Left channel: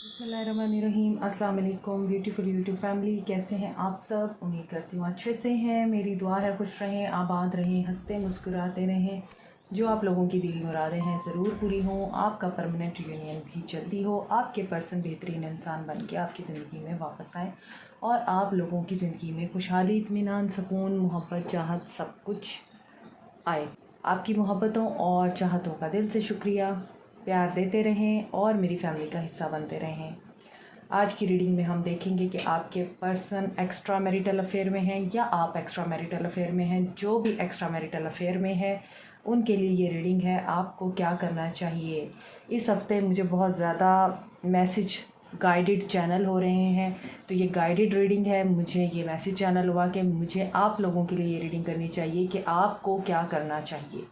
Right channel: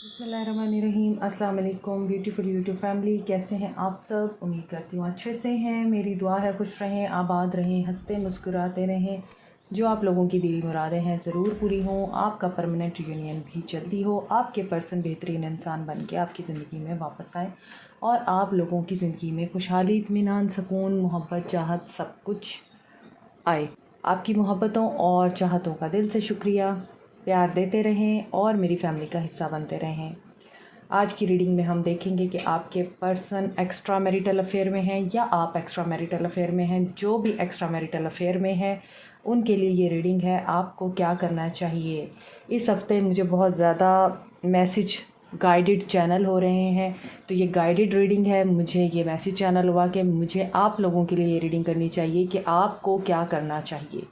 बिस्मिल्लाहिर्रहमानिर्रहीम। अस्सलाम वालेकुम ब्यूटीफुल यूट्यूब फैमिली, कैसे हैं आप सब? उम्मीद करती हूँ अच्छे से हैं। मेरी दुआ है खुश रहें, आबाद रहें, हंसते मुस्कुराते रहें। जो आप लोगों की दिली मुरादें हैं ज़रूर पूरी हों। आपका परमानेंट यूनियन भी जल्दी हो। आपके पर्सन बेहतरीन इंसान बन के आपकी ज़िंदगी में वापस आए और आप लोगों की ज़िंदगी में खुशहाली, इत्मीनान, सुकून, मोहब्बत, चाहत सब कुछ आए। आपकी मोहब्बतों और चाहतों का दिल से शुक्रिया। प्यार देते रहें और मेरी फैमिली का हिस्सा बनते रहें। आज की रीडिंग में हम देखेंगे कि आपके पर्सन एक्स्ट्रा मैरिटल अफेयर में हैं या आप एक्स्ट्रा मैरिटल अफेयर में हैं। जो भी एक्स्ट्रा मैरिटल अफेयर में है उनके लिए ये रीडिंग है। आपको क्या करना चाहिए? इस हफ्ते मुझे बहुत ज़्यादा मैसेज गाइडेड चैनल हो रहे हैं, तो ये गाइडेड रीडिंग है। मुझे ये मैसेज चैनल हुआ कि मुझे आप लोगों के लिए ये रीडिंग करनी चाहिए कि आपको क्या करना चाहिए।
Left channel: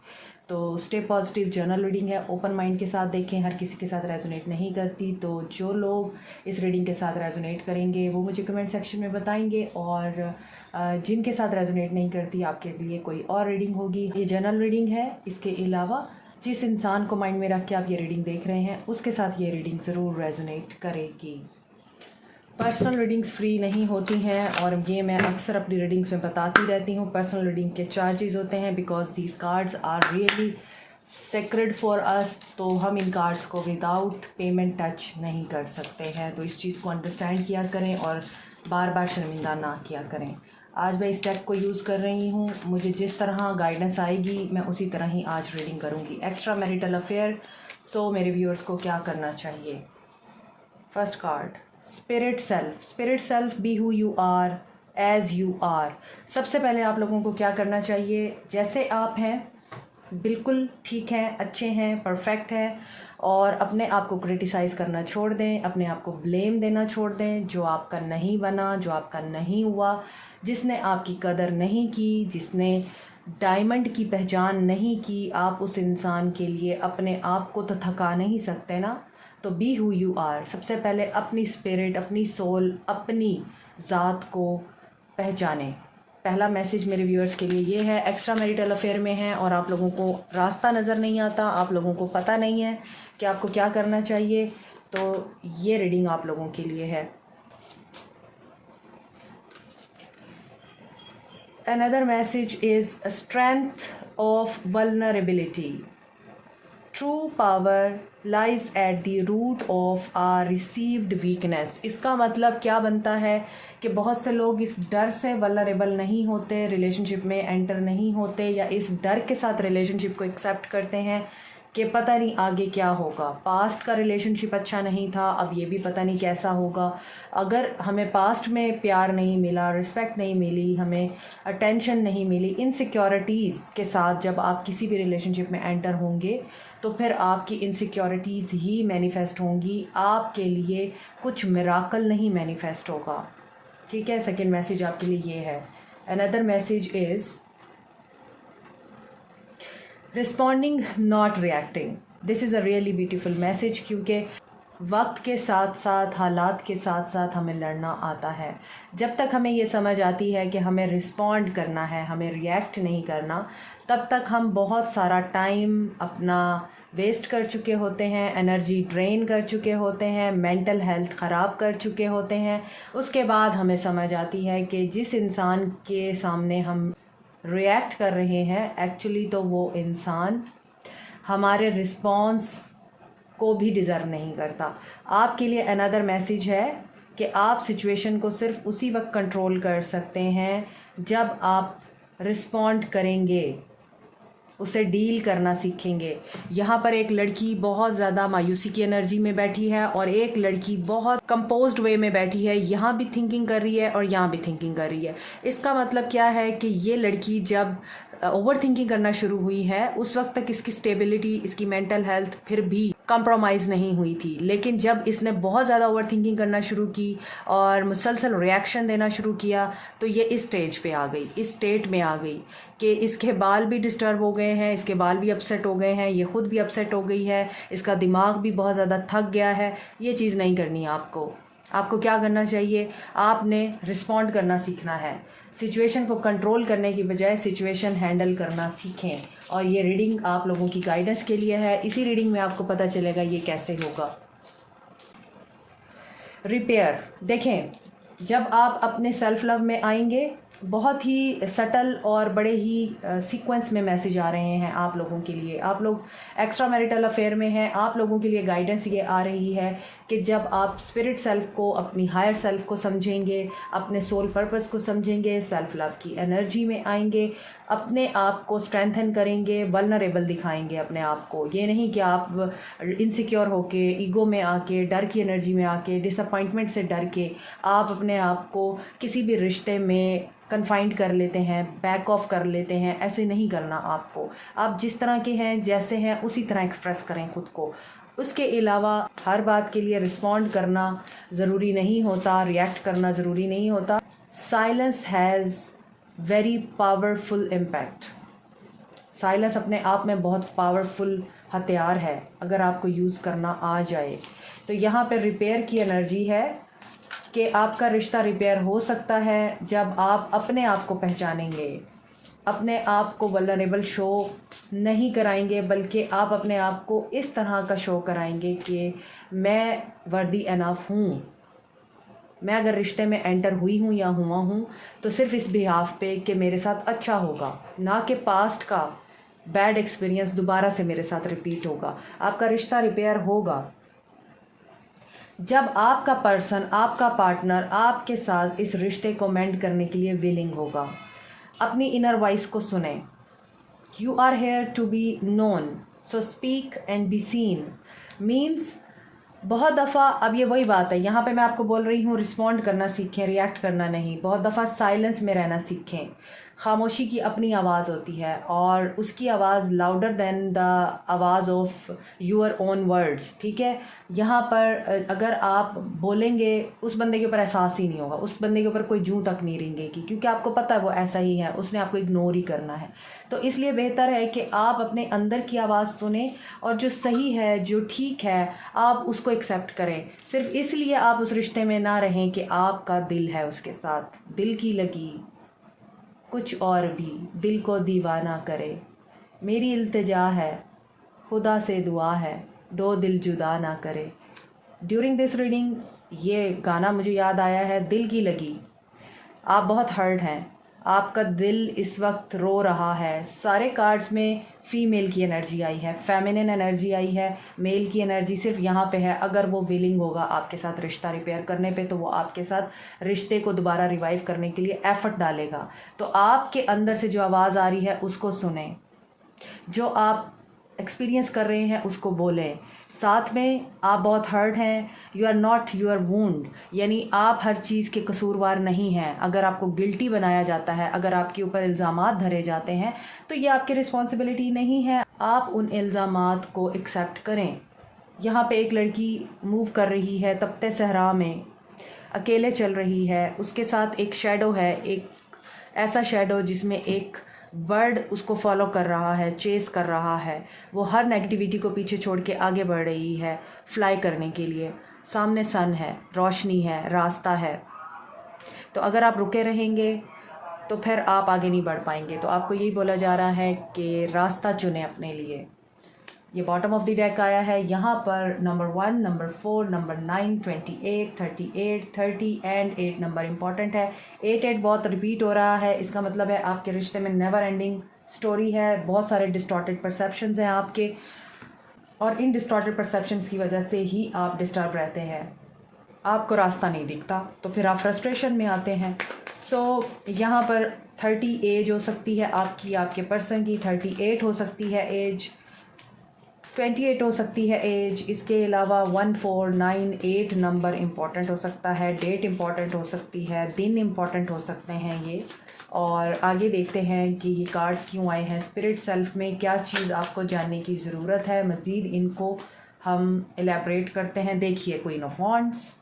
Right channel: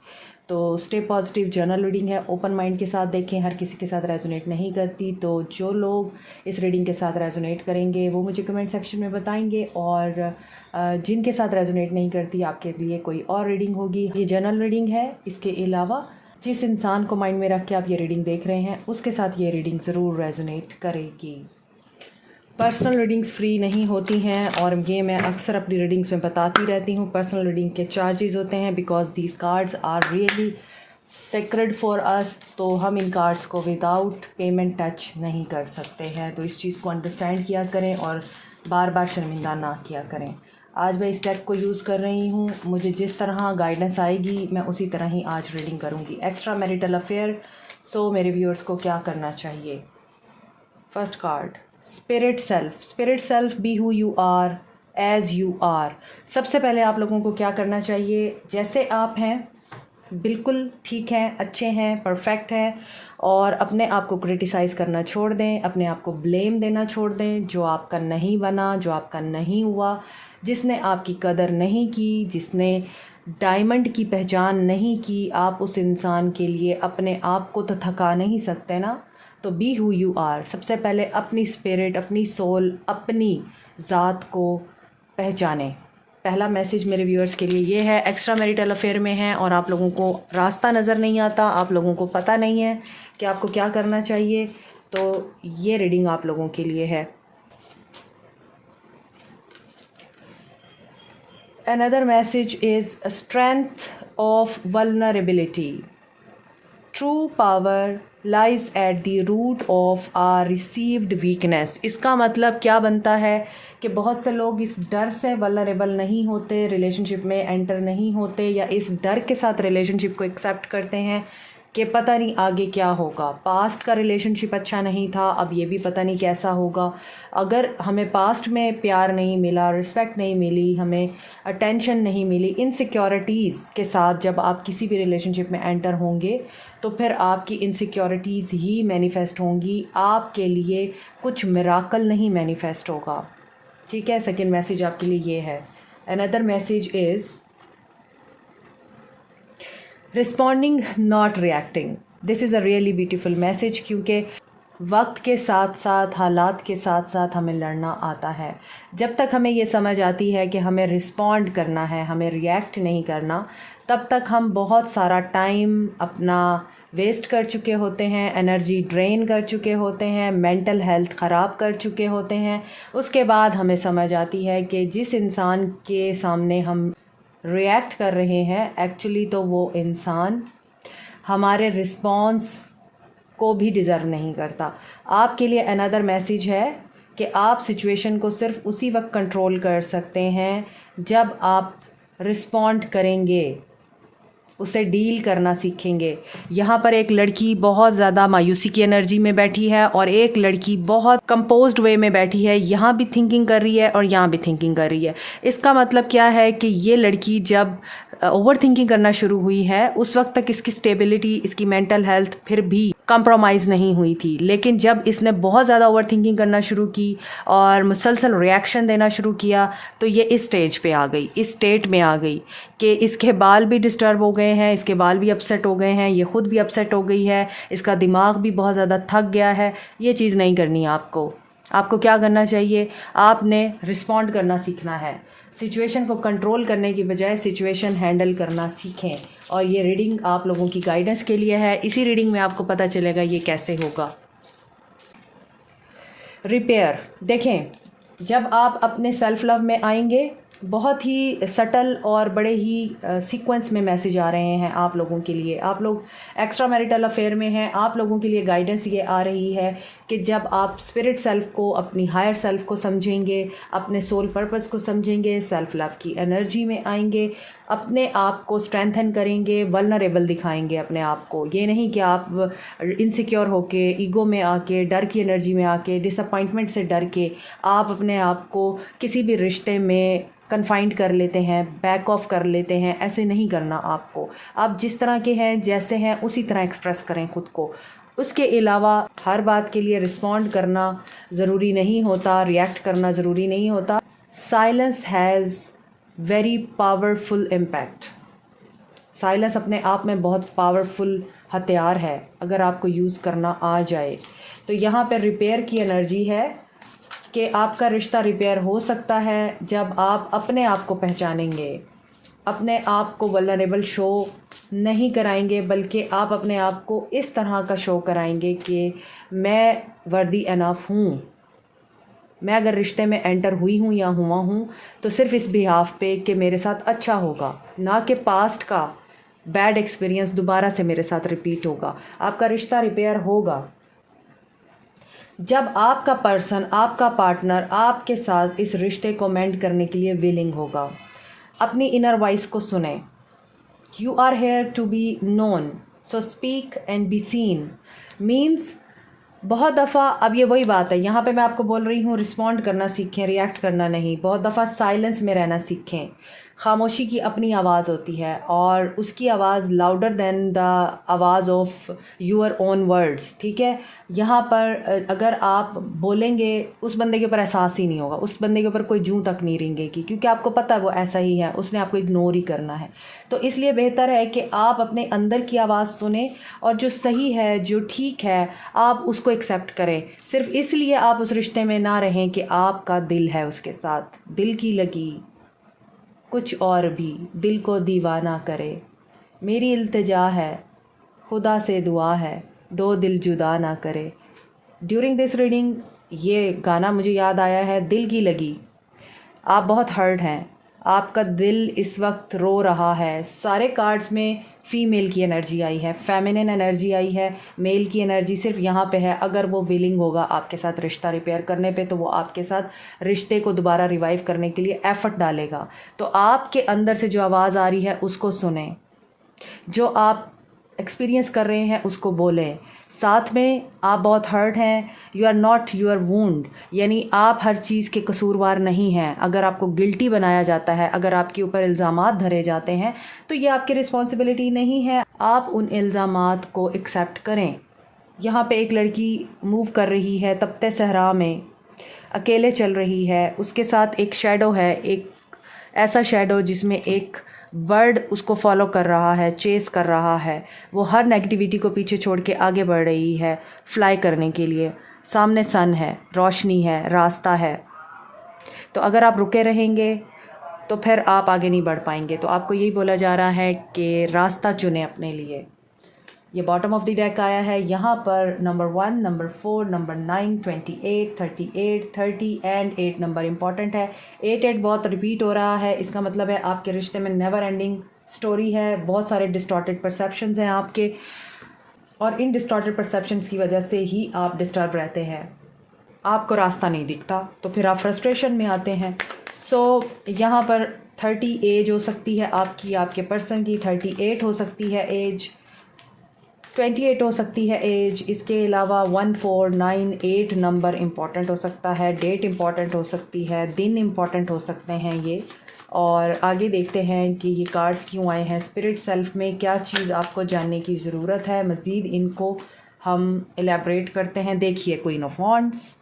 तो स्टे पॉजिटिव जर्नल रीडिंग है, ओपन माइंड के साथ देखें। हर किसी के साथ रेजोनेट नहीं करती, तो जो लोग इस रीडिंग के साथ रेजोनेट करेंगे वो मुझे कमेंट सेक्शन में बताएंगे, और जिनके साथ रेजोनेट नहीं करती आपके लिए कोई और रीडिंग होगी। ये जर्नल रीडिंग है। इसके अलावा जिस इंसान को माइंड में रख के आप ये रीडिंग देख रहे हैं उसके साथ ये रीडिंग ज़रूर रेजोनेट करेगी। पर्सनल रीडिंग्स फ्री नहीं होती हैं और ये मैं अक्सर अपनी रीडिंग्स में बताती रहती हूँ। पर्सनल रीडिंग के चार्जेस होते हैं because these cards are really sacred for us. तो हम इन कार्ड्स को विदाउट पेमेंट टच नहीं कर सकते हैं। तो इस चीज़ को अंडरस्टैंड किया करें और बार बार शर्मिंदा ना किया करें। आज मैं इस डेक को यूज़ कर रही हूँ। मुझे जिस तरह गाइडेंस आएगी मैं उसी तरह ही आज रीडिंग करूँगी। Extra marital affair. सो मेरे व्यूअर्स को क्या करना चाहिए? First card, spirit self. Spirit self, be who you are as you are. सबसे पहले आप लोगों को क्या करना चाहिए? जैसे आप हैं बिल्कुल ठीक हैं, अच्छे हैं, परफेक्ट हैं, और अपने आप को क्रिटिसाइज़ करना छोड़ दें, अपने आप को ब्लेम देना छोड़ दें। जो आपका नहीं बना, जो आपका नहीं हुआ, जिसने आपकी कदर नहीं की, जिसने डायमंड की पहचान नहीं की, आप उस इंसान के लिए अपने आप को तो थका नहीं सकते ना। तो बी हु यू आर। सबसे पहले अपनी स्पिरिट, अपनी सोल, अपनी ज़ात को पहचानें। पहला मैसेज मेरे व्यूअर्स के लिए ये है। एक्स्ट्रा मैरिटल अफेयर में है और आप लोगों को रास्ता नज़र नहीं आता, आप लोगों को पता नहीं है कि आपको क्या करना चाहिए, तो ये रीडिंग आप लोगों के लिए है। Another message is a strength of vulnerability. True power lies at the root of our received weakness. इसका मतलब क्या बनता है कि बहुत से लोग इस डर से वल्नरेबल नहीं होते, रिलेशनशिप में एंटर नहीं होते, या इस डर के साथ रिलेशनशिप को एक्सेप्ट करते हैं कि पता नहीं आगे क्या होगा। पास्ट का रिलेशनशिप अच्छा नहीं था, अब ये भी पता नहीं कैसा होगा। अगर हमें पास्ट में प्यार नहीं मिला, रिस्पेक्ट नहीं मिली, हमें अटेंशन नहीं मिली, इनसिक्योरिटीज़ के साथ जब आप किसी भी रिलेशनशिप में एंटर होंगे तो फिर आपकी इनसिक्योरिटीज़ ही मैनिफेस्ट होंगी। आपके लिए कुछ मिराकल नहीं मैनिफेस्ट होगा। ठीक है, सेकेंड मैसेज आपके लिए ये है। Another message is responding not reacting. This is a really beautiful message, क्योंकि वक्त के साथ साथ, हालात के साथ साथ हमें लड़ना आता है। जब तक हमें ये समझ आती है कि हमें रिस्पॉन्ड करना है, हमें रिएक्ट नहीं करना, तब तक हम बहुत सारा टाइम अपना वेस्ट कर चुके होते हैं, एनर्जी ड्रेन कर चुके होते हैं, मेंटल हेल्थ ख़राब कर चुके होते हैं। उसके बाद हमें समझ आती है कि जिस इंसान के सामने हम रिएक्ट कर रहे हैं एक्चुअली तो वो इंसान हमारे रिस्पॉन्स को भी डिज़र्व नहीं करता। आपके लिए अनदर मैसेज है कि आप सिचुएशन को सिर्फ उसी वक्त कंट्रोल कर सकते हैं जब आप रिस्पॉन्ड करेंगे, उसे डील करना सीखेंगे। यहाँ पर एक लड़की बहुत ज़्यादा मायूसी की एनर्जी में बैठी है और एक लड़की बहुत कंपोज्ड वे में बैठी है। यहाँ भी थिंकिंग कर रही है और यहाँ भी थिंकिंग कर रही है। इसका मतलब क्या है कि ये लड़की जब ओवर थिंकिंग करना शुरू हुई है उस वक्त तक इसकी स्टेबिलिटी, इसकी मेंटल हेल्थ फिर भी कंप्रोमाइज़ नहीं हुई थी। लेकिन जब इसने बहुत ज़्यादा ओवर थिंकिंग करना शुरू की और मुसलसल रिएक्शन देना शुरू किया तो ये इस स्टेज पे आ गई, इस स्टेट में आ गई कि इसके बाल भी डिस्टर्ब हो गए हैं, इसके बाल भी अपसेट हो गए हैं, ये ख़ुद भी अपसेट हो गई है, इसका दिमाग भी बहुत ज़्यादा थक गया है। ये चीज़ नहीं करनी है आपको। आपको क्या करना चाहिए? आपने रिस्पॉन्ड करना सीखना है। सिचुएशन को कंट्रोल करने की बजाय सिचुएशन हैंडल करना सीखें। और ये रीडिंग आप लोगों की गाइडेंस के लिए है। इसी रीडिंग में आपको पता चलेगा ये कैसे होगा। रिपेयर। देखें, जब आप अपने सेल्फ लव में आएंगे, बहुत ही सटल और बड़े ही सीक्वेंस में मैसेज आ रहे हैं आप लोगों के लिए। आप लोग एक्स्ट्रा मैरिटल अफेयर में हैं, आप लोगों के लिए गाइडेंस ये आ रही है कि जब आप स्पिरिट सेल्फ को, अपनी हायर सेल्फ को समझेंगे, अपने सोल पर्पस को समझेंगे, सेल्फ लव की एनर्जी में आएंगे, अपने आप को स्ट्रेंथन करेंगे, वल्नरेबल दिखाएंगे अपने आप को। ये नहीं कि आप इनसिक्योर होके, ईगो में आके, डर की एनर्जी में आके, डिसअपॉइंटमेंट से डर के आप अपने आप को किसी भी रिश्ते में कन्फाइंड कर लेते हैं, बैक ऑफ कर लेते हैं। ऐसे नहीं करना आपको। आप जिस तरह के हैं, जैसे हैं, उसी तरह एक्सप्रेस करें खुद को। उसके अलावा हर बात के लिए रिस्पॉन्ड करना ज़रूरी नहीं होता, रिएक्ट करना ज़रूरी नहीं होता। Silence has very powerful impact. Silence अपने आप में बहुत पावरफुल हथियार है अगर आपको यूज़ करना आ जाए। तो यहाँ पे रिपेयर की एनर्जी है कि आपका रिश्ता रिपेयर हो सकता है जब आप अपने आप को पहचानेंगे, अपने आप को वल्नरेबल शो नहीं कराएंगे, बल्कि आप अपने आप को इस तरह का शो कराएंगे कि मैं वर्दी इनफ हूँ। मैं अगर रिश्ते में एंटर हुई हूँ या हुआ हूँ तो सिर्फ इस बिहाफ पे कि मेरे साथ अच्छा होगा, ना कि पास्ट का बैड एक्सपीरियंस दोबारा से मेरे साथ रिपीट होगा। आपका रिश्ता रिपेयर होगा जब आपका पर्सन, आपका पार्टनर आपके साथ इस रिश्ते को मेंड करने के लिए विलिंग होगा। अपनी इनर वॉइस को सुने। You are here to be known, so speak and be seen. Means बहुत दफ़ा, अब ये वही बात है, यहाँ पे मैं आपको बोल रही हूँ रिस्पॉन्ड करना सीखें, रिएक्ट करना नहीं। बहुत दफ़ा साइलेंस में रहना सीखें। खामोशी की अपनी आवाज़ होती है और उसकी आवाज़ लाउडर देन द आवाज़ ऑफ योर ओन वर्ड्स। ठीक है, यहाँ पर अगर आप बोलेंगे उस बंदे के ऊपर एहसास ही नहीं होगा, उस बंदे के ऊपर कोई जूं तक नहीं रेंगेगी, क्योंकि आपको पता है वो ऐसा ही है, उसने आपको इग्नोर ही करना है। तो इसलिए बेहतर है कि आप अपने अंदर की आवाज़ सुने और जो सही है, जो ठीक है, आप उसको एक्सेप्ट करें। सिर्फ इसलिए आप उस रिश्ते में ना रहें कि आपका दिल है उसके साथ, दिल की लगी कुछ और भी दिल को दीवाना करे। मेरी इल्तिजा है, खुदा से दुआ है, दो दिल जुदा ना करे। ड्यूरिंग दिस रीडिंग ये गाना मुझे याद आया है, दिल की लगी। आप बहुत हर्ट हैं, आपका दिल इस वक्त रो रहा है। सारे कार्ड्स में फीमेल की एनर्जी आई है, फेमिनिन एनर्जी आई है, मेल की एनर्जी सिर्फ यहाँ पे है। अगर वो विलिंग होगा आपके साथ रिश्ता रिपेयर करने पे, तो वो आपके साथ रिश्ते को दोबारा रिवाइव करने के लिए एफर्ट डालेगा। तो आपके अंदर से जो आवाज़ आ रही है उसको सुने, जो आप एक्सपीरियंस कर रहे हैं उसको बोलें। साथ में आप बहुत हर्ट हैं, you are not your wound, यानी आप हर चीज़ के कसूरवार नहीं हैं। अगर आपको गिल्टी बनाया जाता है, अगर आपके ऊपर इल्ज़ामात धरे जाते हैं, तो ये आपकी रिस्पॉन्सिबिलिटी नहीं है। आप उन इल्ज़ामात को एक्सेप्ट करें। यहाँ पे एक लड़की मूव कर रही है तपते सहरा में, अकेले चल रही है, उसके साथ एक शैडो है, एक ऐसा शैडो जिसमें एक बर्ड उसको फॉलो कर रहा है, चेस कर रहा है। वो हर नेगेटिविटी को पीछे छोड़ के आगे बढ़ रही है फ्लाई करने के लिए। सामने सन है, रोशनी है, रास्ता है। तो अगर आप रुके रहेंगे तो फिर आप आगे नहीं बढ़ पाएंगे। तो आपको यही बोला जा रहा है कि रास्ता चुने अपने लिए। ये बॉटम ऑफ द डेक आया है। यहाँ पर number 1, number 4, number 9, 28, 38, 30 and 8 number important है। 8 बहुत रिपीट हो रहा है, इसका मतलब है आपके रिश्ते में नेवर एंडिंग स्टोरी है। बहुत सारे डिस्टॉर्टेड परसेप्शंस हैं आपके, और इन डिस्टॉर्टेड परसेप्शंस की वजह से ही आप डिस्टर्ब रहते हैं। आपको रास्ता नहीं दिखता, तो फिर आप फ्रस्ट्रेशन में आते हैं। यहाँ पर 30 एज हो सकती है आपकी, आपके पर्सन की 38 हो सकती है एज, 28 हो सकती है एज। इसके अलावा 1, 4, 9, 8 नंबर इम्पॉर्टेंट हो सकता है, डेट इम्पॉर्टेंट हो सकती है, दिन इम्पॉर्टेंट हो सकते हैं ये। और आगे देखते हैं कि ये कार्ड्स क्यों आए हैं। स्पिरिट सेल्फ में क्या चीज़ आपको जानने की ज़रूरत है, मज़ीद इनको हम एलैबोरेट करते हैं। देखिए, क्वीन ऑफ वॉन्ड्स,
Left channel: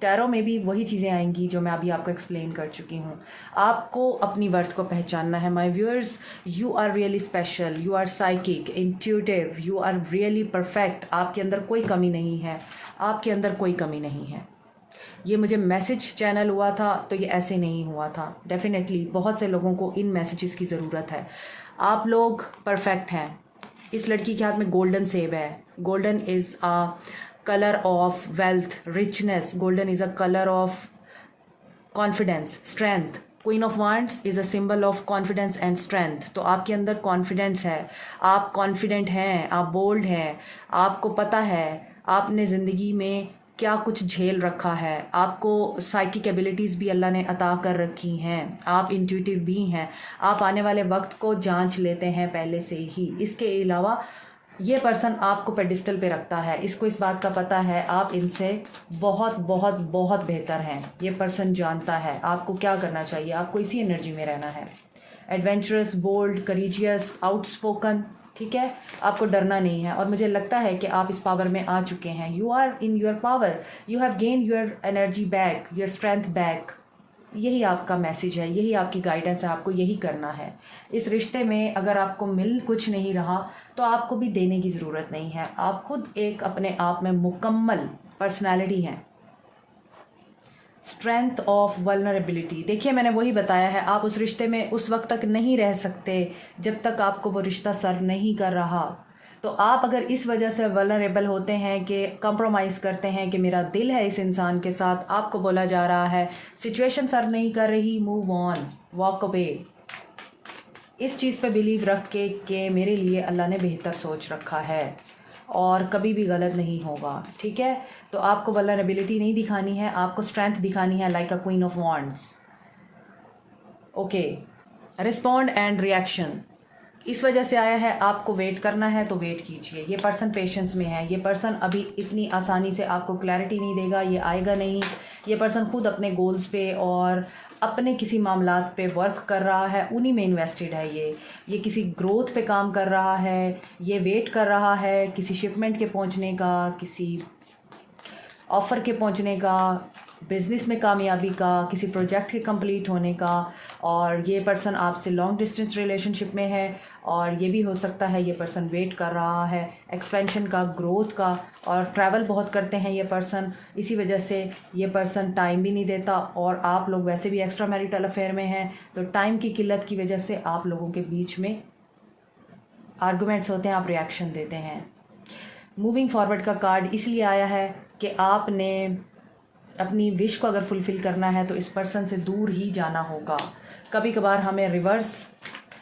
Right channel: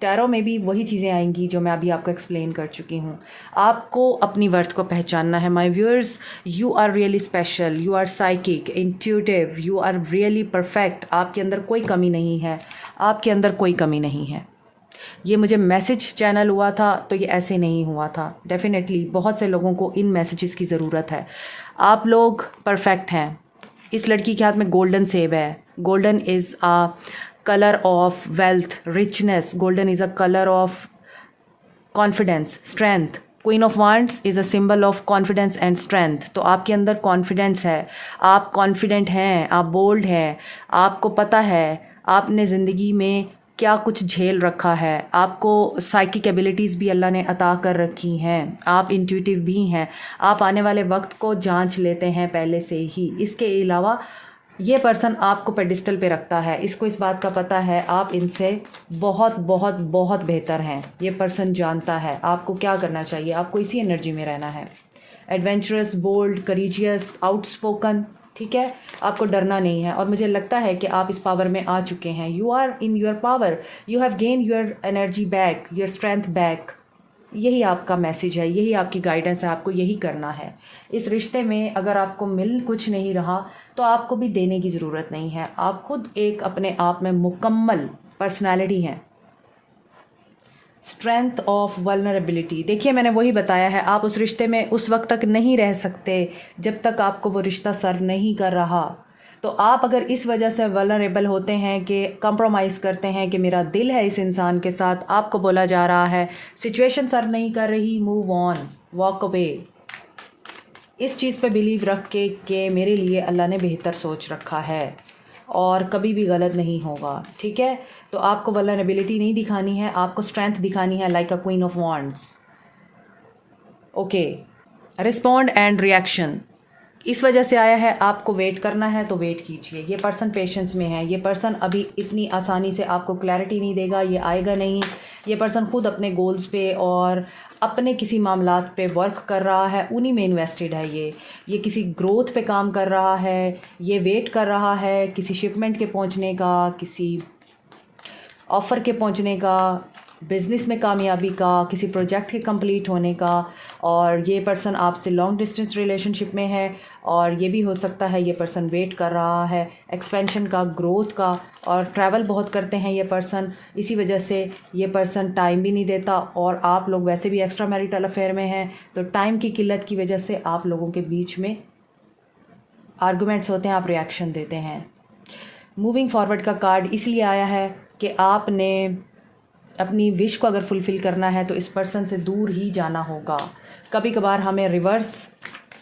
टैरो में भी वही चीज़ें आएंगी जो मैं अभी आपको एक्सप्लेन कर चुकी हूँ। आपको अपनी वर्थ को पहचानना है my viewers. You are really special, you are psychic, intuitive, you are really perfect. आपके अंदर कोई कमी नहीं है, आपके अंदर कोई कमी नहीं है। ये मुझे मैसेज चैनल हुआ था तो ये ऐसे नहीं हुआ था। डेफिनेटली बहुत से लोगों को इन मैसेजेस की ज़रूरत है। आप लोग परफेक्ट हैं। इस लड़की के हाथ में गोल्डन सेब है। Golden is a colour of wealth, richness. Golden is a colour of confidence, strength. Queen of wands is a symbol of confidence and strength. तो आपके अंदर कॉन्फिडेंस है, आप कॉन्फिडेंट हैं, आप बोल्ड हैं, आपको पता है आपने ज़िंदगी में क्या कुछ झेल रखा है, आपको साइकिक एबिलिटीज़ भी अल्लाह ने अता कर रखी हैं, आप इंट्यूटिव भी हैं, आप आने वाले वक्त को जांच लेते हैं पहले से ही। इसके अलावा ये पर्सन आपको पेडिस्टल पे रखता है, इसको इस बात का पता है आप इनसे बहुत बहुत बहुत बेहतर हैं। ये पर्सन जानता है आपको क्या करना चाहिए, आपको इसी एनर्जी में रहना है। एडवेंचरस, बोल्ड, करेजियस, आउटस्पोकन, ठीक है, आपको डरना नहीं है। और मुझे लगता है कि आप इस पावर में आ चुके हैं। You are in your power, you have gain your energy back, your strength back. यही आपका मैसेज है, यही आपकी गाइडेंस है, आपको यही करना है। इस रिश्ते में अगर आपको मिल कुछ नहीं रहा तो आपको भी देने की ज़रूरत नहीं है। आप खुद एक अपने आप में मुकम्मल पर्सनालिटी हैं। स्ट्रेंथ ऑफ वल्नरेबिलिटी, देखिए मैंने वही बताया है, आप उस रिश्ते में उस वक्त तक नहीं रह सकते जब तक आपको वो रिश्ता सर्व नहीं कर रहा। तो आप अगर इस वजह से वल्नरेबल होते हैं कि कंप्रोमाइज़ करते हैं कि मेरा दिल है इस इंसान के साथ, आपको बोला जा रहा है सिचुएशन सर्व नहीं कर रही, मूव ऑन, वॉक अवे। इस चीज़ पे बिलीव रख के कि मेरे लिए अल्लाह ने बेहतर सोच रखा है और कभी भी गलत नहीं होगा, ठीक है। तो आपको वल्नरेबिलिटी नहीं दिखानी है, आपको स्ट्रेंथ दिखानी है, like a queen of wands. Okay, respond and reaction, इस वजह से आया है आपको वेट करना है तो वेट कीजिए। ये पर्सन पेशेंस में है, ये पर्सन अभी इतनी आसानी से आपको क्लैरिटी नहीं देगा, ये आएगा नहीं। ये पर्सन खुद अपने गोल्स पे और अपने किसी मामलात पे वर्क कर रहा है, उन्हीं में इन्वेस्टेड है। ये किसी ग्रोथ पे काम कर रहा है, ये वेट कर रहा है किसी शिपमेंट के पहुंचने का, किसी ऑफ़र के पहुंचने का, बिज़नेस में कामयाबी का, किसी प्रोजेक्ट के कंप्लीट होने का। और ये पर्सन आपसे लॉन्ग डिस्टेंस रिलेशनशिप में है और ये भी हो सकता है ये पर्सन वेट कर रहा है एक्सपेंशन का, ग्रोथ का। और ट्रैवल बहुत करते हैं ये पर्सन, इसी वजह से ये पर्सन टाइम भी नहीं देता। और आप लोग वैसे भी एक्स्ट्रा मैरिटल अफेयर में हैं, तो टाइम की किल्लत की वजह से आप लोगों के बीच में आर्गूमेंट्स होते हैं, आप रिएक्शन देते हैं। मूविंग फॉरवर्ड का कार्ड इसलिए आया है कि आपने अपनी विश को अगर फुलफ़िल करना है तो इस पर्सन से दूर ही जाना होगा। कभी कभार हमें रिवर्स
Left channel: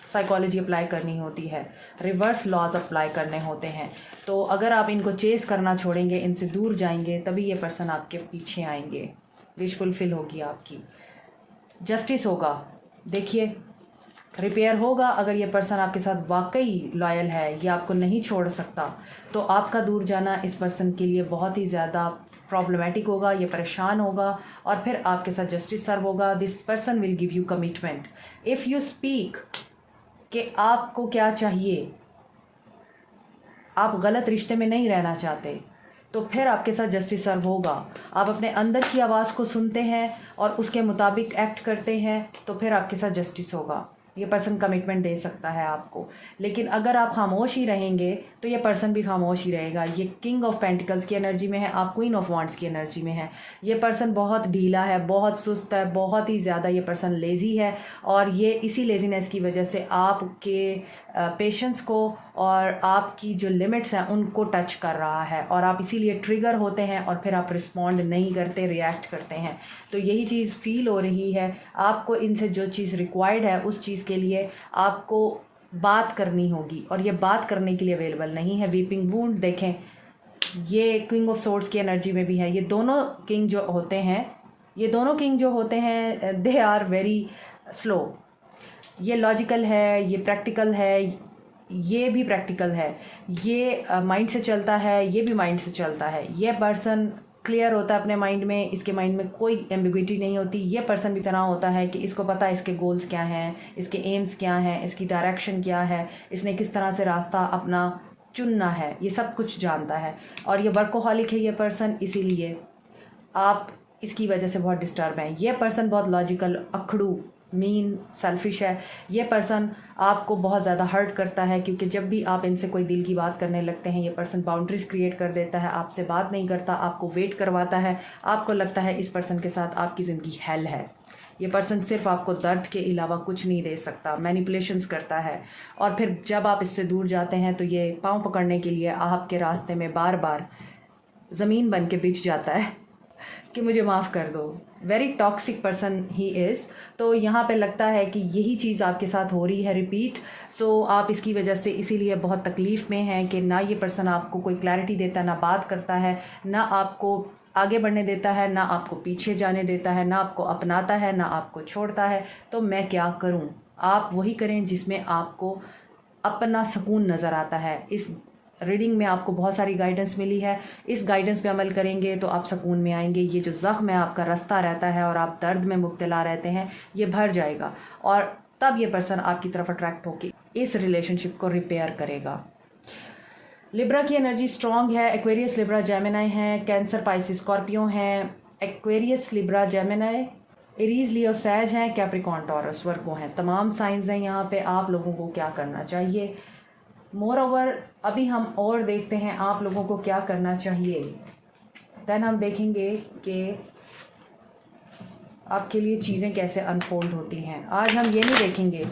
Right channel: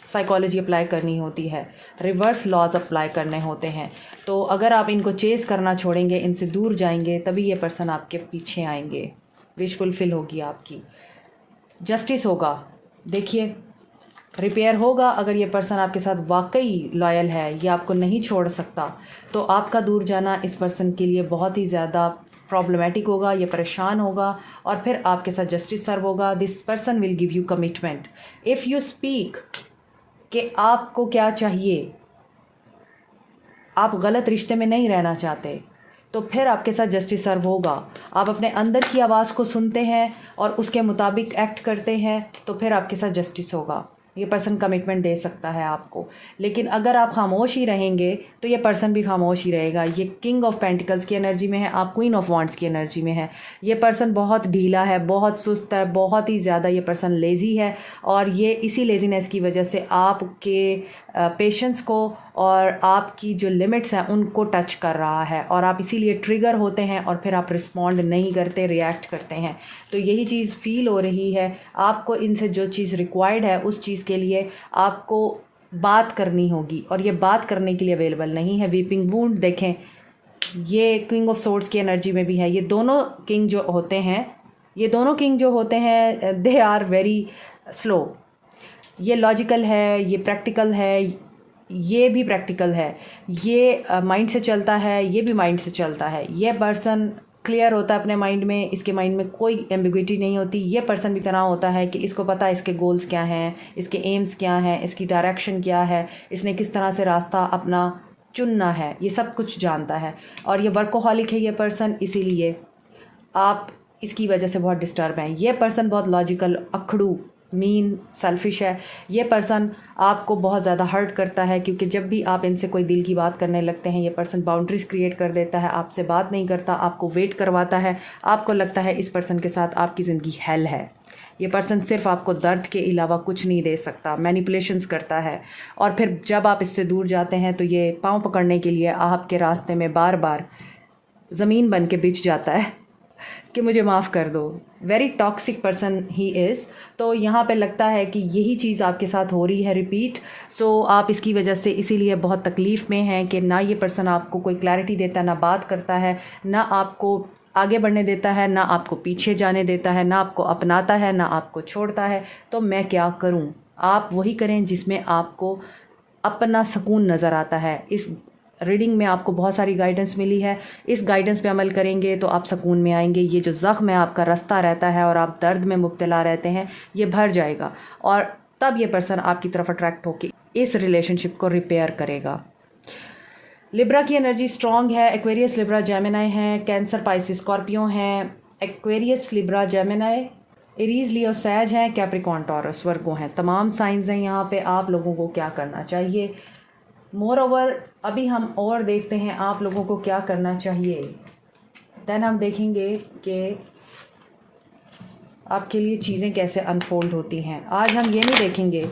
साइकोलॉजी अप्लाई करनी होती है, रिवर्स लॉज अप्लाई करने होते हैं। तो अगर आप इनको चेस करना छोड़ेंगे, इनसे दूर जाएंगे, तभी ये पर्सन आपके पीछे आएंगे, विश फुलफ़िल होगी आपकी। जस्टिस होगा, देखिए रिपेयर होगा। अगर ये पर्सन आपके साथ वाकई लॉयल है, ये आपको नहीं छोड़ सकता, तो आपका दूर जाना इस पर्सन के लिए बहुत ही ज़्यादा प्रॉब्लमेटिक होगा, ये परेशान होगा और फिर आपके साथ जस्टिस सर्व होगा। This person will give you commitment if you speak कि आपको क्या चाहिए, आप गलत रिश्ते में नहीं रहना चाहते, तो फिर आपके साथ जस्टिस सर्व होगा। आप अपने अंदर की आवाज़ को सुनते हैं और उसके मुताबिक एक्ट करते हैं, तो फिर आपके साथ जस्टिस होगा। ये पर्सन कमिटमेंट दे सकता है आपको। लेकिन अगर आप खामोश ही रहेंगे तो ये पर्सन भी खामोश ही रहेगा। ये किंग ऑफ पेंटिकल्स की एनर्जी में है, आप क्वीन ऑफ वांड्स की एनर्जी में है। ये पर्सन बहुत ढीला है, बहुत सुस्त है, बहुत ही ज़्यादा ये पर्सन लेज़ी है और ये इसी लेज़ीनेस की वजह से आपके पेशेंस को और आपकी जो लिमिट्स हैं उनको टच कर रहा है और आप इसीलिए ट्रिगर होते हैं और फिर आप रिस्पॉन्ड नहीं करते, रिएक्ट करते हैं। तो यही चीज़ फील हो रही है आपको। इनसे जो चीज़ रिक्वायर्ड है उस चीज़ के लिए आपको बात करनी होगी और ये बात करने के लिए अवेलेबल नहीं है। वीपिंग वूंड देखें, ये किंग ऑफ सोर्ड्स की एनर्जी में भी है। ये दोनों किंग जो होते हैं दे आर वेरी स्लो। ये लॉजिकल है, ये प्रैक्टिकल है, ये भी प्रैक्टिकल है, ये माइंड से चलता है, ये भी माइंड से चलता है। ये पर्सन क्लियर होता है अपने माइंड में, इसके माइंड में कोई एम्बिग्विटी नहीं होती। ये पर्सन भी तरह होता है कि इसको पता है इसके गोल्स क्या हैं, इसके एम्स क्या हैं, इसकी डायरेक्शन क्या है, इसने किस तरह से रास्ता अपना चुनना है, ये सब कुछ जानता है। और ये वर्कोहॉलिक है ये पर्सन, इसीलिए आप इसकी वजह से बहुत डिस्टर्ब हैं। ये पर्सन बहुत लॉजिकल, अखड़ू, मीन, सेल्फिश है। ये पर्सन आपको बहुत ज़्यादा हर्ट करता है क्योंकि जब भी आप इनसे कोई दिल की बात करने लगते हैं ये पर्सन बाउंड्रीज क्रिएट कर देता है, आपसे बात नहीं करता, आपको वेट करवाता है। आपको लगता है इस पर्सन के साथ आपकी ज़िंदगी हेल है। ये पर्सन सिर्फ आपको दर्द के अलावा कुछ नहीं दे सकता, मैनिपुलेशंस करता है। और फिर जब आप इससे दूर जाते हैं तो ये पाँव पकड़ने के लिए आपके रास्ते में बार बार ज़मीन बन के बिछ जाता है कि मुझे माफ़ कर दो। Very toxic person he is. तो यहाँ पे लगता है कि यही चीज़ आपके साथ हो रही है रिपीट। सो आप इसकी वजह से इसीलिए बहुत तकलीफ़ में हैं कि ना ये पर्सन आपको कोई क्लैरिटी देता, ना बात करता है, ना आपको आगे बढ़ने देता है, ना आपको पीछे जाने देता है, ना आपको अपनाता है, ना आपको छोड़ता है। तो मैं क्या करूँ? आप वही करें जिसमें आपको अपना सुकून नज़र आता है। इस रीडिंग में आपको बहुत सारी गाइडेंस मिली है। इस गाइडेंस पे अमल करेंगे तो आप सुकून में आएंगे। ये जो ज़ख्म है आपका रास्ता रहता है और आप दर्द में मुब्तला रहते हैं, ये भर जाएगा और तब ये पर्सन आपकी तरफ अट्रैक्ट होकर इस रिलेशनशिप को रिपेयर करेगा। लिब्रा की एनर्जी स्ट्रॉन्ग है। एक्वेरियस, लिब्रा, जेमिनाई हैं। कैंसर, पाइसिस, स्कॉर्पियो हैं। एक्वेरियस, लिब्रा, जेमिनाई, एरीज, लियो, सैज हैं। कैप्रिकॉर्न, टॉरस, वर्गो हैं। तमाम साइंस हैं यहाँ पे। आप लोगों को क्या करना चाहिए? मोर ओवर अभी हम और देखते हैं आप लोगों को क्या करना चाहिए। देन हम देखेंगे कि आपके लिए चीज़ें कैसे अनफोल्ड होती हैं। आज हम ये नहीं देखेंगे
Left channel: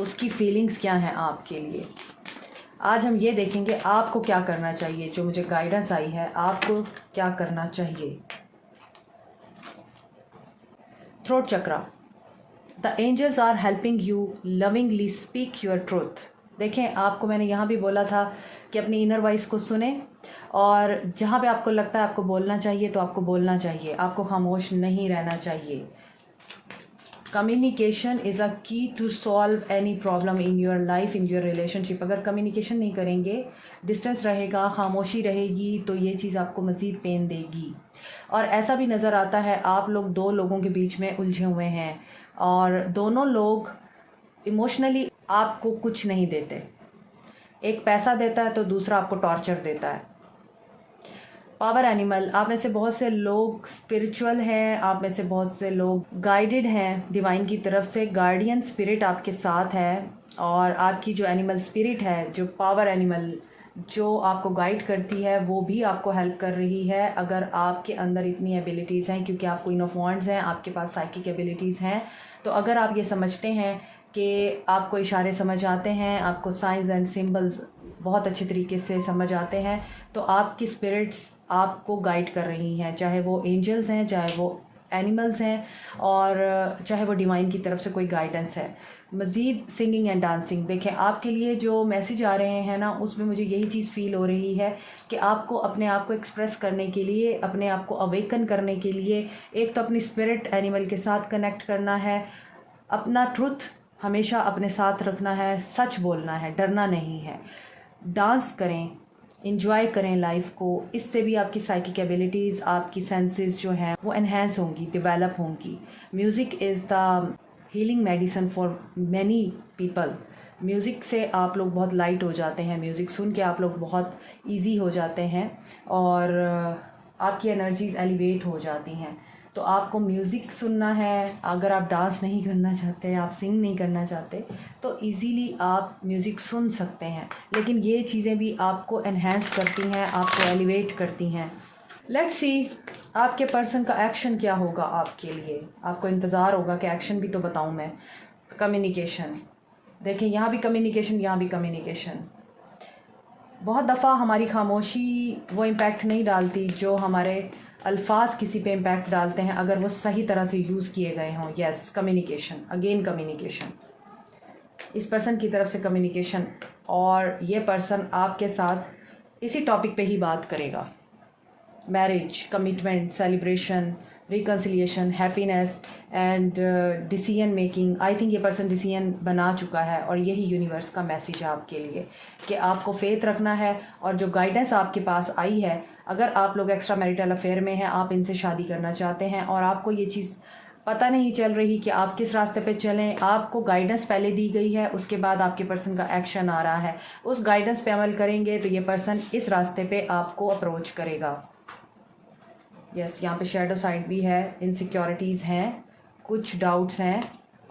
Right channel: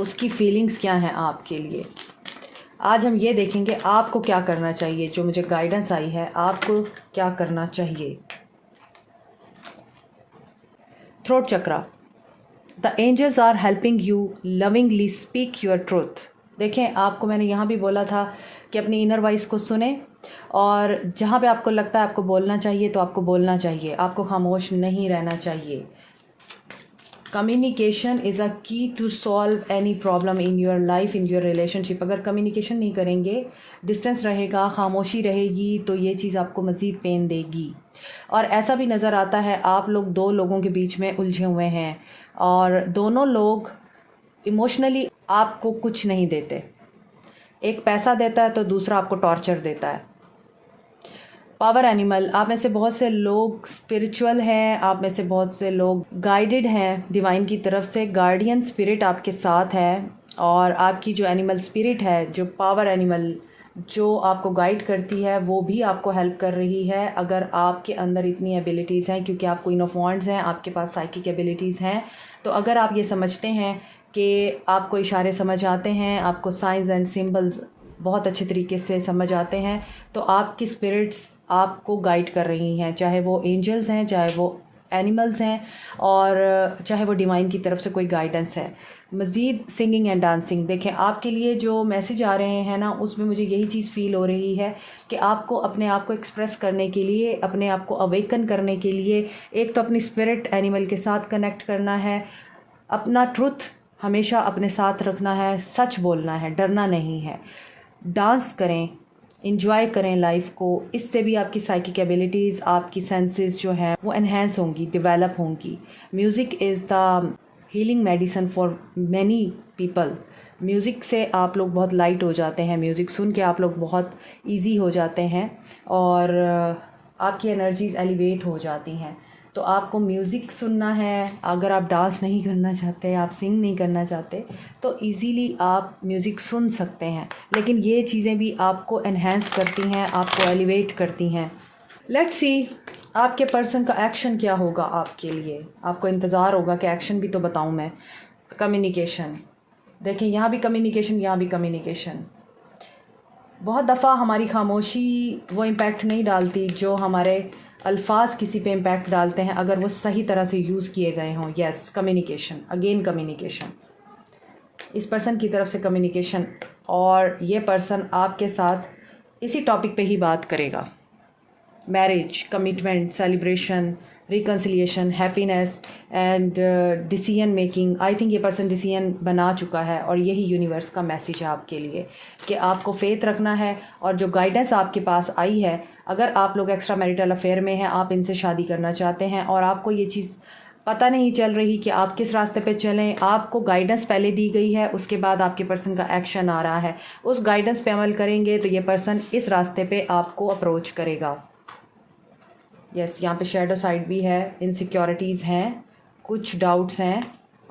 उसकी फीलिंग्स क्या हैं आपके लिए। आज हम ये देखेंगे आपको क्या करना चाहिए। जो मुझे गाइडेंस आई है, आपको क्या करना चाहिए। Throat chakra, the angels are helping you lovingly speak your truth. देखें, आपको मैंने यहाँ भी बोला था कि अपनी इनर वॉइस को सुने और जहाँ पे आपको लगता है आपको बोलना चाहिए तो आपको बोलना चाहिए। आपको खामोश नहीं रहना चाहिए। Communication is a key to solve any problem in your life, in your relationship. अगर कम्युनिकेशन नहीं करेंगे, डिस्टेंस रहेगा, खामोशी रहेगी, तो ये चीज़ आपको मज़ीद पेन देगी। और ऐसा भी नज़र आता है आप लोग दो लोगों के बीच में उलझे हुए हैं और दोनों लोग इमोशनली आपको कुछ नहीं देते। एक पैसा देता है तो दूसरा आपको टॉर्चर देता है। पावर एनिमल, आप में से बहुत से लोग स्पिरिचुअल हैं, आप में से बहुत से लोग गाइडेड हैं डिवाइन की तरफ से। गार्डियन स्पिरिट आपके साथ है और आपकी जो एनिमल स्पिरिट है, जो पावर एनिमल जो आपको गाइड करती है, वो भी आपको हेल्प कर रही है। अगर आपके अंदर इतनी एबिलिटीज़ हैं, क्योंकि आप क्वीन ऑफ वॉन्ड्स हैं, आपके पास साइकिक एबिलिटीज़ हैं, तो अगर आप ये समझते हैं कि आपको इशारे समझ आते हैं, आपको साइंस एंड सिंबल्स बहुत अच्छे तरीके से समझ आते हैं, तो आपकी स्पिरिट्स आपको गाइड कर रही हैं, चाहे वो एंजल्स हैं, चाहे वो एनिमल्स हैं और चाहे वो डिवाइन की तरफ से कोई गाइडेंस है। मज़ीद सिंगिंग एंड डांसिंग, देखें आपके लिए जो मैसेज आ रहे हैं ना, उसमें मुझे यही चीज़ फ़ील हो रही है कि आपको अपने आप को एक्सप्रेस करने के लिए, अपने आप को अवेकन करने के लिए, एक तो अपनी स्पिरिट एनिमल के साथ कनेक्ट करना है, अपना ट्रुथ हमेशा अपने साथ रखना है, सच बोलना है, डरना नहीं है। डांस करें, इंजॉय करें लाइफ को। इससे भी आपकी साइकिक एबिलिटीज़, आपकी सेंसेस जो हैं वो एनहेंस होंगी, डेवलप होंगी। Music is the healing medicine for many people. Music से आप लोग बहुत लाइट हो जाते हैं, म्यूज़िक सुन के आप लोग बहुत ईजी हो जाते हैं और आपकी एनर्जीज एलिवेट हो जाती हैं। तो आपको म्यूज़िक सुनना है। अगर आप डांस नहीं करना चाहते, आप सिंग नहीं करना चाहते, तो इजीली आप म्यूज़िक सुन सकते हैं, लेकिन ये चीज़ें भी आपको एनहेंस करती हैं, आपको एलिवेट करती हैं। लेट्स सी आपके पर्सन का एक्शन क्या होगा आपके लिए। आपको इंतज़ार होगा कि एक्शन भी तो बताऊं मैं। कम्युनिकेशन, देखिए यहाँ भी कम्युनिकेशन, यहाँ भी कम्युनिकेशन। बहुत दफ़ा हमारी खामोशी वो इम्पैक्ट नहीं डालती जो हमारे अल्फाज किसी पे इम्पैक्ट डालते हैं, अगर वो सही तरह से यूज़ किए गए हों। यस, कम्युनिकेशन, अगेन कम्युनिकेशन, इस पर्सन की तरफ से कम्युनिकेशन, और ये पर्सन आपके साथ इसी टॉपिक पे ही बात करेगा। Marriage, commitment, celebration, reconciliation, happiness and decision making. I think ये पर्सन डिसीजन बना चुका है और यही यूनिवर्स का मैसेज है आपके लिए कि आपको फेथ रखना है। और जो गाइडेंस आपके पास आई है, अगर आप लोग एक्स्ट्रा मैरिटल अफेयर में हैं, आप इनसे शादी करना चाहते हैं और आपको ये चीज़ पता नहीं चल रही कि आप किस रास्ते पे चलें, आपको गाइडेंस पहले दी गई है, उसके बाद आपके पर्सन का एक्शन आ रहा है, उस गाइडेंस पे अमल करेंगे तो ये पर्सन इस रास्ते पे आपको अप्रोच करेगा। यस, यहाँ पे शेडो साइड भी है, इनसिक्योरिटीज़ हैं, कुछ डाउट्स हैं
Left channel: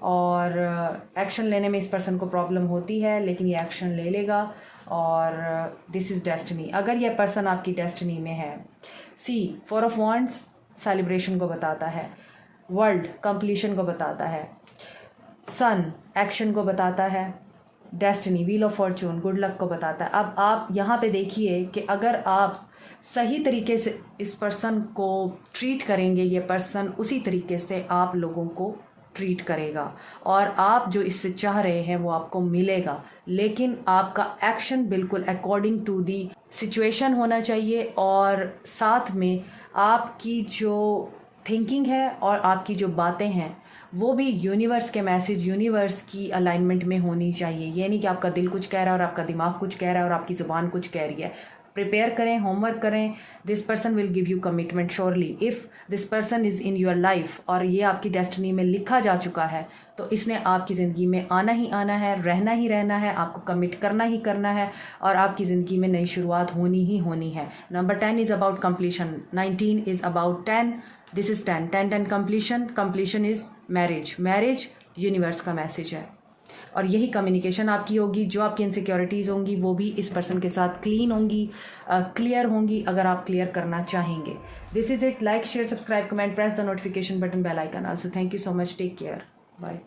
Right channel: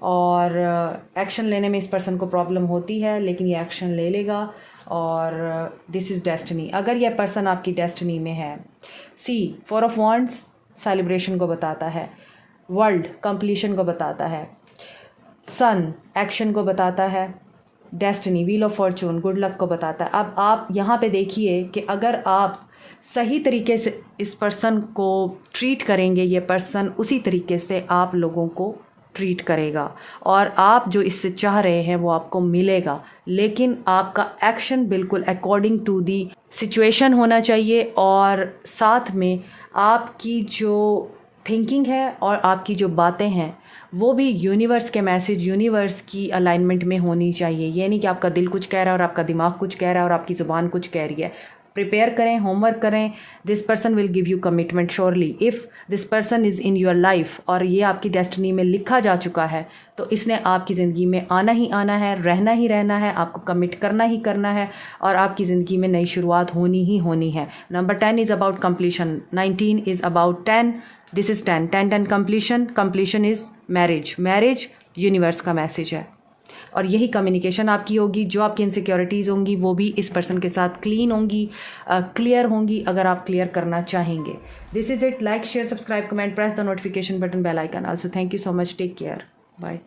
और एक्शन लेने में इस पर्सन को प्रॉब्लम होती है, लेकिन ये एक्शन ले लेगा और दिस इज़ डेस्टिनी। अगर यह पर्सन आपकी डेस्टिनी में है। सी, 4 ऑफ वॉन्ड्स सेलिब्रेशन को बताता है, वर्ल्ड कंप्लीशन को बताता है, सन एक्शन को बताता है, destiny, wheel of Fortune good luck को बताता है। अब आप यहाँ पे देखिए कि अगर आप सही तरीके से इस पर्सन को ट्रीट करेंगे, ये पर्सन उसी तरीके से आप लोगों को ट्रीट करेगा और आप जो इससे चाह रहे हैं वो आपको मिलेगा। लेकिन आपका एक्शन बिल्कुल अकॉर्डिंग टू दी सिचुएशन होना चाहिए और साथ में आपकी जो थिंकिंग है और आपकी जो बातें हैं वो भी यूनिवर्स के मैसेज, यूनिवर्स की अलाइनमेंट में होनी चाहिए। ये नहीं कि आपका दिल कुछ कह रहा है और आपका दिमाग कुछ कह रहा है और आपकी ज़ुबान कुछ कह रही है। प्रिपेयर करें, होमवर्क करें। This person will give you commitment surely if this person is in your life और ये आपकी डेस्टिनी में लिखा जा चुका है तो इसने आपकी ज़िंदगी में आना ही आना है, रहना ही रहना है, आपको कमिट करना ही करना है और आपकी ज़िंदगी में नई शुरुआत होनी ही होनी है। Number 10 is about completion, 19 is about 10, this is 10, 10 completion, completion is marriage, marriage universe का मैसेज है और यही कम्युनिकेशन आपकी होगी। जो आपकी इनसिक्योरिटीज़ होंगी वो भी इस पर्सन के साथ क्लीन होंगी, क्लियर होंगी अगर आप क्लियर करना चाहेंगे। This is it. Like, share, subscribe, comment, press the notification button, bell icon. Also thank you so much, take care, bye.